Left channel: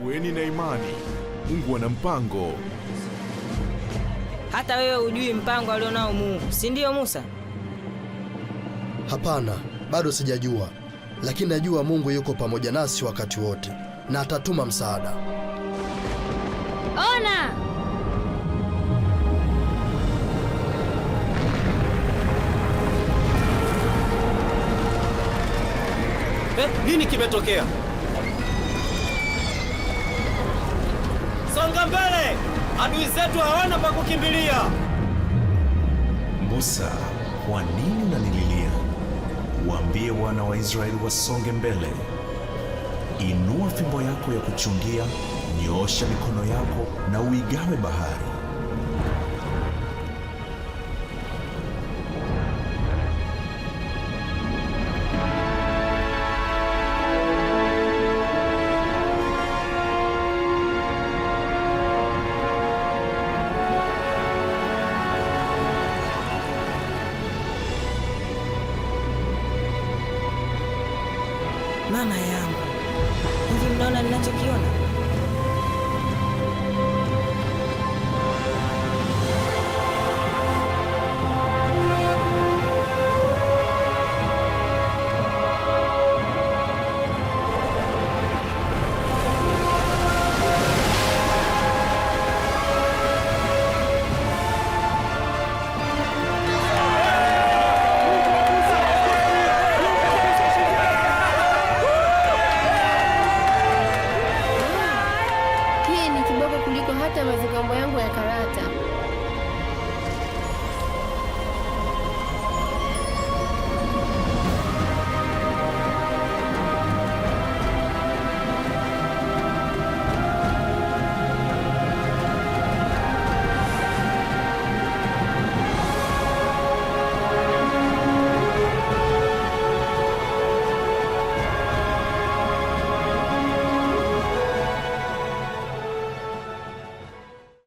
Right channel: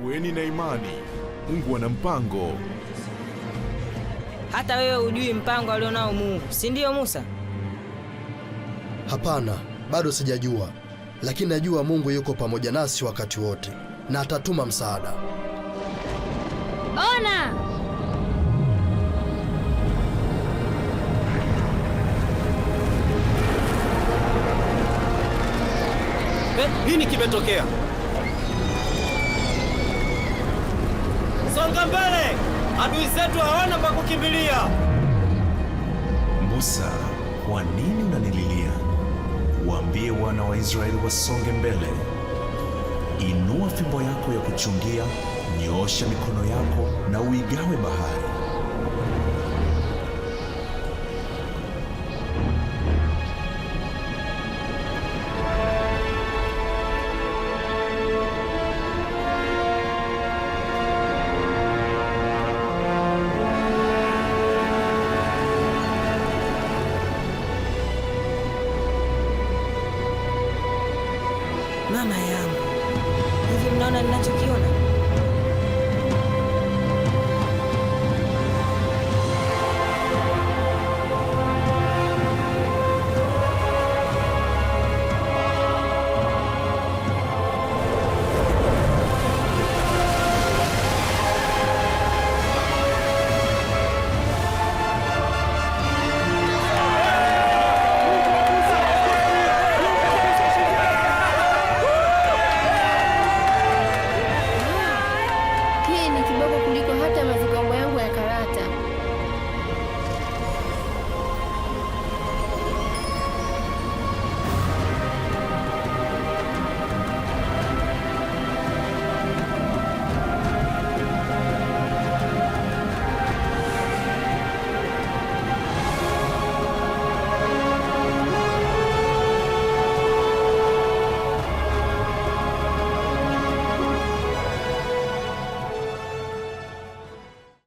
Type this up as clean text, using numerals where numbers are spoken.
Kuweni na imani, Mungu ana mpango. Hata wewe hujui mpango alionao Mungu, si ndio Musa? Hapana, bado sijajua, lakini najua Mungu yuko pamoja nasi wakati wote na atatuma msaada. Ona! Nini kimetokea? Songa mbele! Adui zetu hawana pa kukimbilia. Musa, kwa nini unanililia? Waambie wana wa Israeli wasonge mbele. Inua fimbo yako ya kuchungia, nyoosha mikono yako na uigawe bahari. Mama yangu, hivi mnaona ninachokiona? Hii ni kiboko kuliko hata mazigambo yangu ya karata.